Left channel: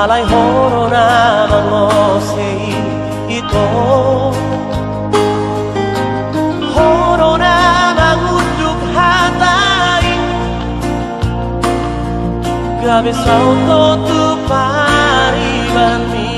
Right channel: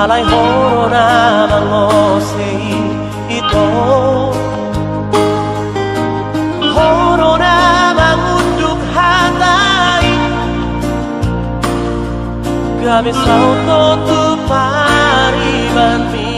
alay horo namang osei ito. Horo namang uduk hatay gabi sa auto tu pariban mi.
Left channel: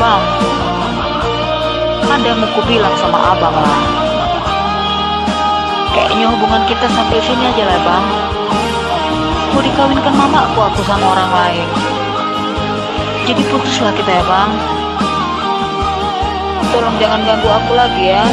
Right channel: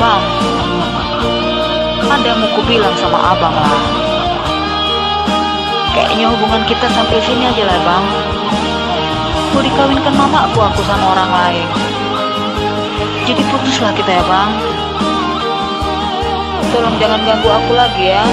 Bang, ada yang mau kubilang sama abang lah. Kayaknya hubungan kita sampai sini aja lah bang. Mau dikawinkan mama aku sama orang lain. Jadi putuslah kita ya bang. Tolong jangan ganggu aku lagi ya.